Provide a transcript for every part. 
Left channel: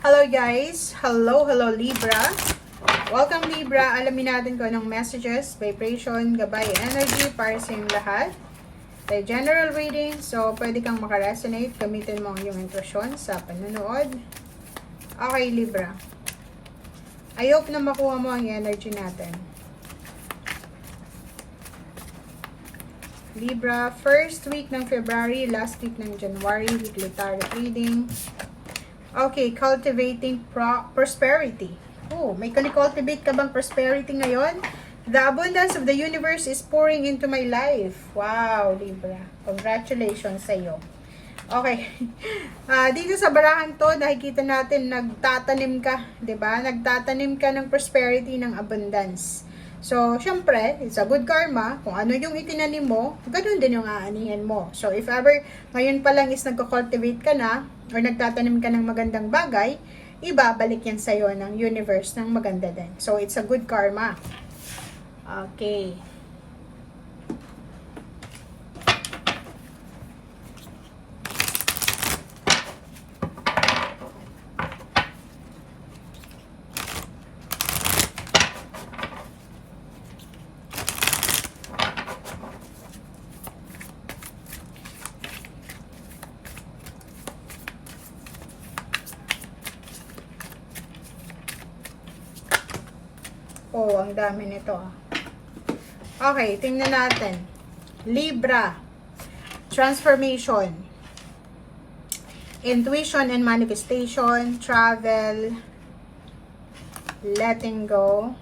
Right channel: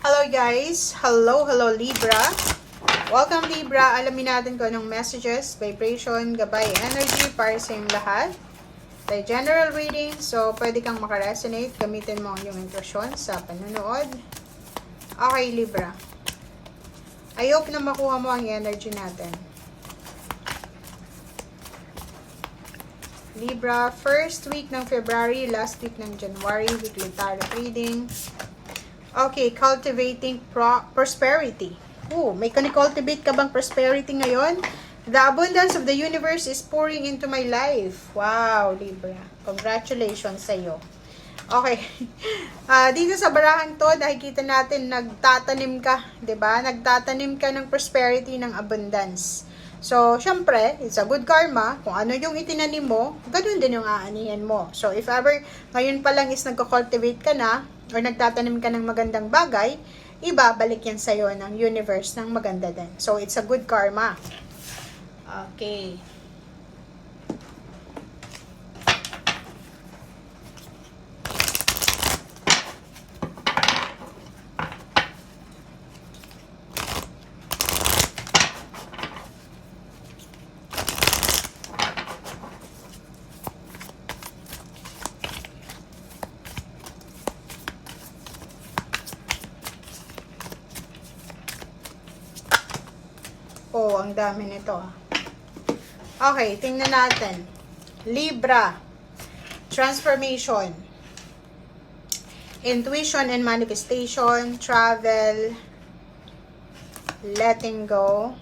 Hello guys! Hello Libra! Welcome Libra! Alamin natin kung anong messages, vibration, gabay, energy para sa inyong lahat. By general reading, so pwede kang makaresonate, gamitin mo ang iyong intuition sa panunood. Okay Libra. I hope na makuha mo ang energy natin. Libra, first week ng February, last week ng January, weekly tarot reading. Okay, cultivating prosperity. Oh, may kuni-cultivate ka bang prosperity ngayon? The abundance of the universe is pouring into my life. Wow, Libra. Congratulations sa iyo. Okay. Dito sa barahang to, nakikita natin nagtatanim ka, 'di ba? Nagtatanim ka ng prosperity, ng abundance. So, syempre, it's a good karma. Kung ano yung itinanim mo, ganun din yung aanihin mo. So, if ever ngayon pa lang is nagko-cultivate ka na, or nagtatanim ka ng magandang bagay, ibabalik yan sa'yo ng universe ng maganda din. So, it's a good karma. Okay. Oh, ang dami nito. Okay, tingnan natin. Libra. Transformation. Intuition and manifestation. Travel. Letting go.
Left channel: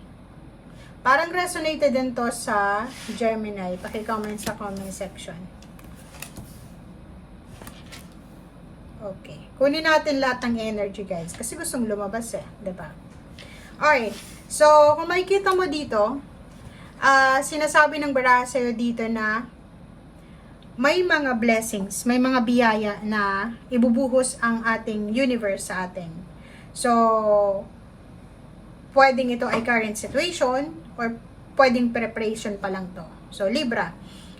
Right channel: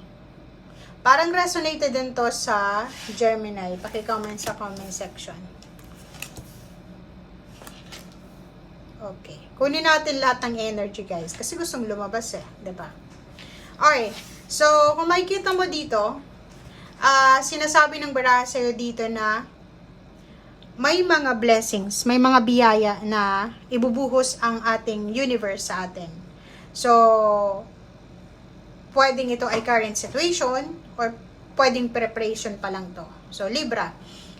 Parang resonated din to sa Gemini. Paki-comment sa comment section. Okay. Kunin natin lahat ng energy, guys. Kasi gustong lumabas eh. 'Di ba? Okay. So, kung makikita mo dito, sinasabi ng baraha sa'yo dito na may mga blessings, may mga biyaya na ibubuhos ang ating universe sa atin. So, pwedeng ito ay current situation or pwedeng preparation pa lang to. So, Libra,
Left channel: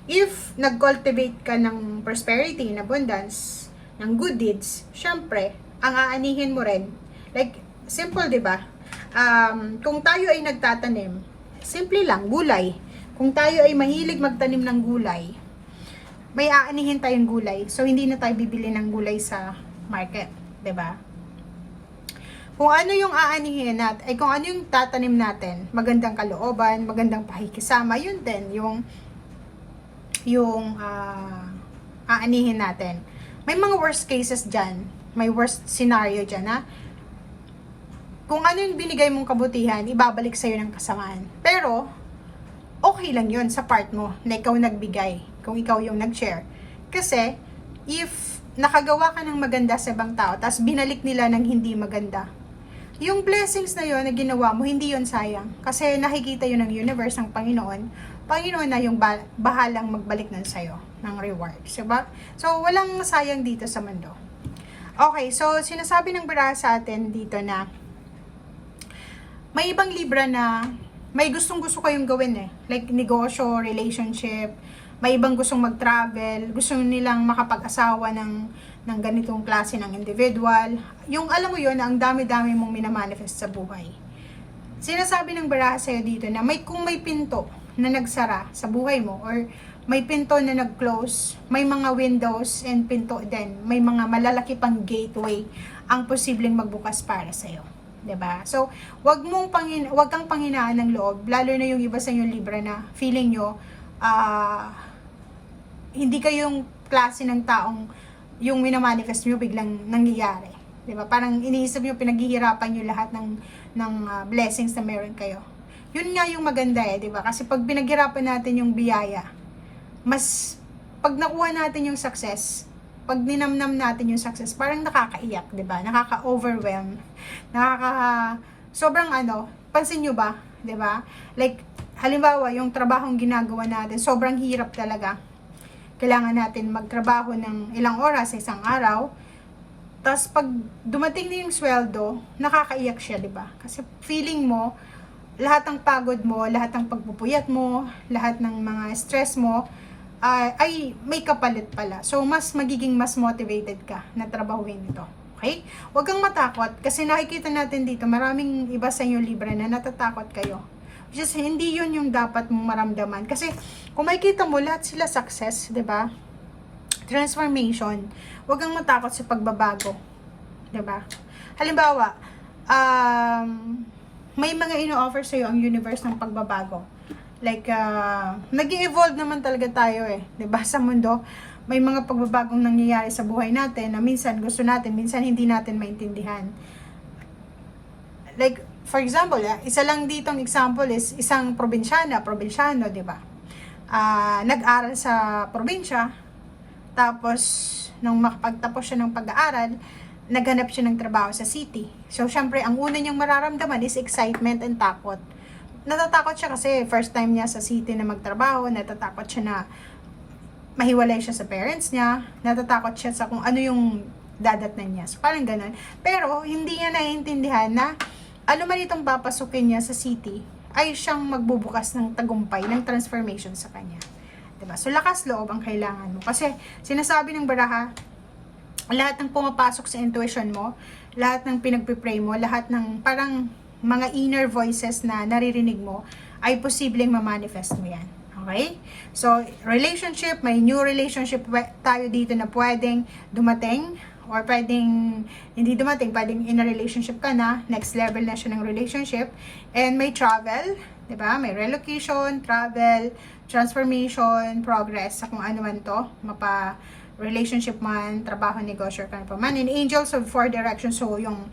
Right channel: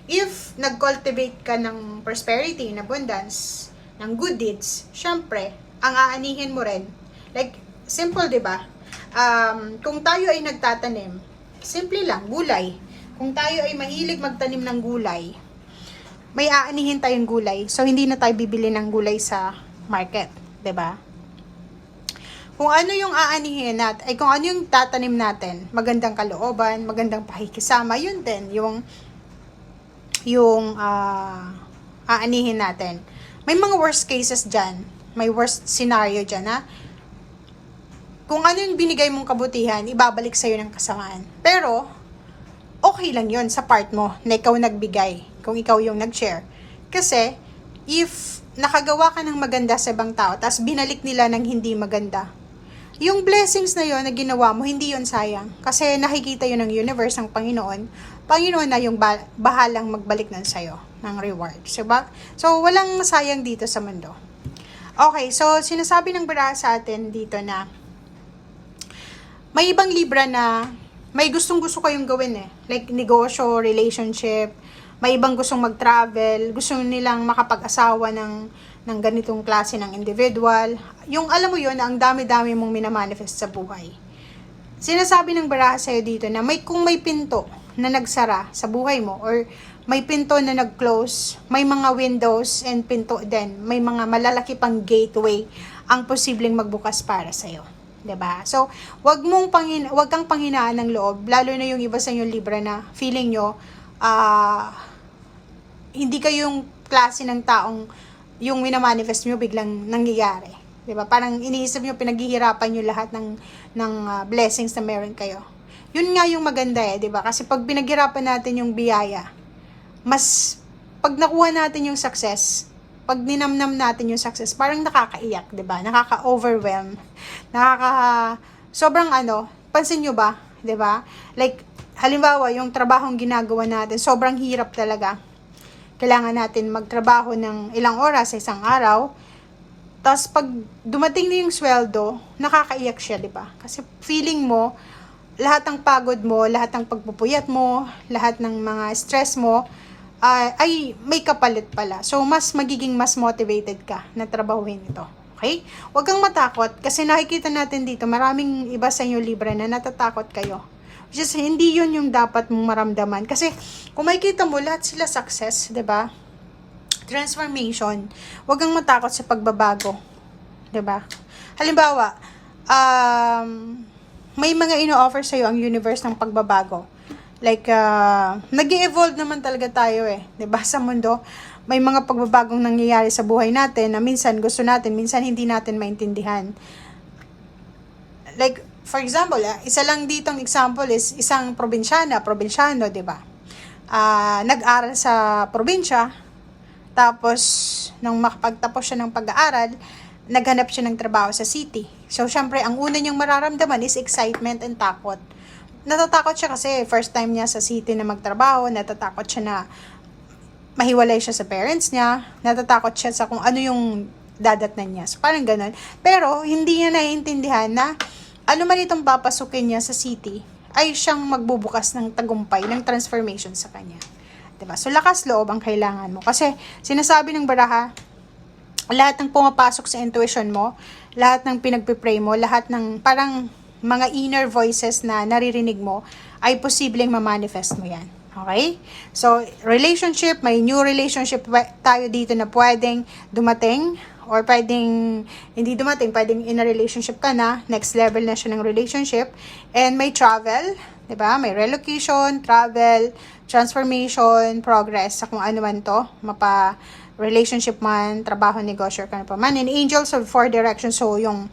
if nag-cultivate ka ng prosperity, ng abundance, ng good deeds, syempre, ang aanihin mo rin, like, simple, di ba? Kung tayo ay nagtatanim, simple lang, gulay. Kung tayo ay mahilig magtanim ng gulay, may aanihin tayong gulay. So, hindi na tayo bibili ng gulay sa market. 'Di ba? Kung ano yung aanihin natin, ay kung ano yung tatanim natin, magandang kalooban, magandang pakikisama, yun din, yung aanihin natin. May mga worst cases dyan. May worst scenario dyan, ha? Kung ano yung binigay mong kabutihan, ibabalik sa'yo ng kasamaan. Pero, okay lang yun sa part mo na ikaw nagbigay, kung ikaw yung nag-share. Kasi, if nakagawa ka ng maganda sa ibang tao, tapos binalik nila ng hindi maganda, yung blessings na yun na ginawa mo, hindi yun sayang. Kasi nakikita yun ng universe, ang Panginoon. Panginoon na yung bahalang magbalik nun sa'yo ng reward. Diba? So, walang sayang dito sa mundo. Okay, so sinasabi ng baraha sa atin dito na may ibang Libra na may gustong-gusto kayong gawin eh. Like negosyo, relationship, may ibang gustong mag-travel, gusto nilang makapag-asawa ng ganitong klase ng individual. Yung alam mo yun na ang dami-dami mong minamanifest sa buhay. Sinasabi ng baraha sa'yo dito na kung may pinto na nagsara sa buhay mo or may pinto na nag-close, may mga windows and pinto din, may mga malalaki pang gateway ang posibleng magbukas para sa'yo. 'Di ba? So, wag kang panghinaan ng loob, lalo na yung iba sa inyo Libra na feeling nyo hindi kayo yung klase ng taong yung minamanifest nyo biglang nangyayari. 'Di ba? Parang iniisip nyo pinaghihirapan nyo lahat ng blessings na meron kayo. Yun nga yung maganda eh, 'di ba? Kasi pag pinaghirapan natin yung biyaya, pag nakuha natin yung success, pag ninamnam natin yung success, parang nakakaiyak, 'di ba? Nakaka-overwhelm. Sobrang pansin nyo ba, 'di ba? Like halimbawa, yung trabahong ginagawa natin, sobrang hirap talaga. Kailangan natin magtrabaho ng ilang oras sa isang araw. Tapos pag dumating na yung sweldo, nakakaiyak siya, 'di ba? Kasi feeling mo lahat ng pagod mo, lahat ng pagpupuyat mo, lahat ng mga stress mo, ay may kapalit pala. So, mas magiging mas motivated ka na trabahuin ito. Okay? Huwag kang matakot kasi nakikita natin dito, maraming iba sa inyo Libra na natatakot kayo. Which is, hindi yun yung dapat mong maramdaman. Kasi, kung makikita mo, lahat sila success, 'di ba? Transformation. Huwag kang matakot sa pagbabago. 'Di ba? Halimbawa, may mga ino-offer sa'yo ang universe ng pagbabago. Like, nag-i-evolve naman talaga tayo eh. 'Di ba? Sa mundo, may mga pagbabagong nangyayari sa buhay natin na minsan gusto natin, minsan hindi natin maintindihan. Like, for example, isa lang ditong example is isang probinsyano, 'di ba? Nag-aral sa probinsya, tapos nung makapagtapos siya ng pag-aaral, naghanap siya ng trabaho sa city. So, syempre, ang una niyang mararamdaman is excitement and takot. Natatakot siya kasi first time niya sa city na magtrabaho, natatakot siya na mahiwalay siya sa parents niya, natatakot siya sa kung ano yung dadatnan niya. So, parang ganun. Pero, hindi niya naiintindihan na ano man itong papasukin niya sa city, ay siyang magbubukas ng tagumpay, ng transformation sa kanya. Diba? So, lakas loob ang kailangan mo. Kasi, sinasabi ng baraha, lahat ng pumapasok sa intuition mo, lahat ng pinagpipray mo, lahat ng parang mga inner voices na naririnig mo, ay posibleng ma-manifest mo yan. Okay? So, relationship, may new relationship tayo dito na pwedeng dumating, or pwedeng hindi dumating, pwedeng in a relationship ka na, next level na siya ng relationship, and may travel, 'di ba? May relocation, travel, transformation, progress sa kung ano man to, mapa relationship man, trabaho, negosyo, kano pa man. And angels of four directions, so yung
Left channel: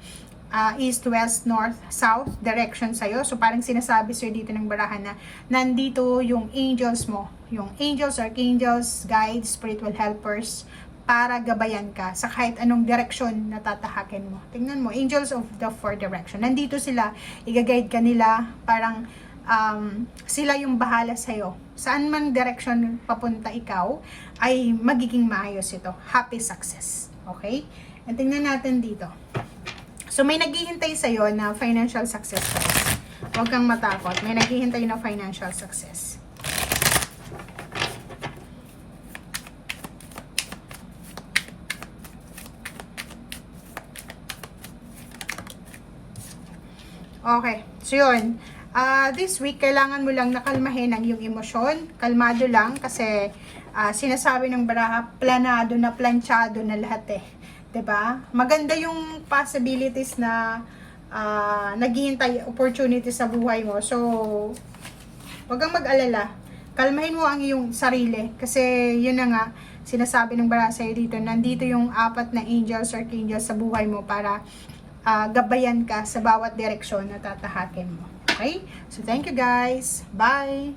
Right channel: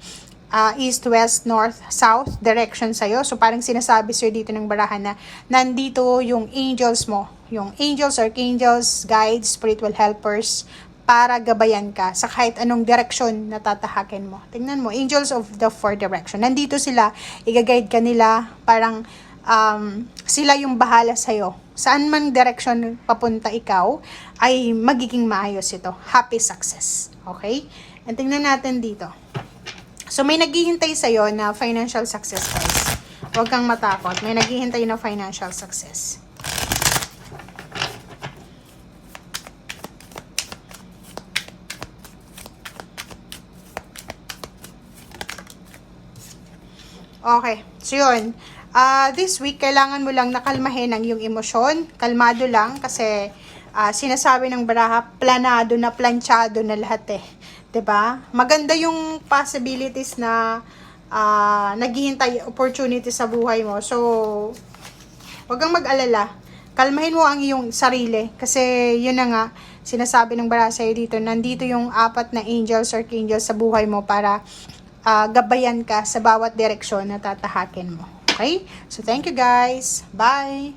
east, west, north, south direction sa'yo. So parang sinasabi sa'yo dito ng barahan na nandito yung angels mo, yung angels, archangels, guides, spiritual helpers, para gabayan ka sa kahit anong direksyon na tatahakin mo. Tingnan mo, angels of the four direction. Nandito sila, i-guide ka nila, parang sila yung bahala sa'yo. Saan man direksyon papunta ikaw, ay magiging maayos ito. Happy success. Okay? And tingnan natin dito. So, may naghihintay sa'yo na financial success, guys. Huwag kang matakot. May naghihintay na financial success. Okay. So, yun. This week, kailangan mo lang nakalmahin ang iyong emosyon. Kalmado lang kasi sinasabi ng baraha, planado na, planchado na lahat eh. 'Di ba? Maganda yung possibilities na naghihintay opportunity sa buhay mo. So, wag kang mag-alala. Kalmahin mo ang iyong sarili kasi yun na nga, sinasabi ng baraha sa'yo dito, nandito yung 4 na angels or archangels sa buhay mo para gabayan ka sa bawat direksyon na tatahakin mo. Okay? So, thank you guys. Bye!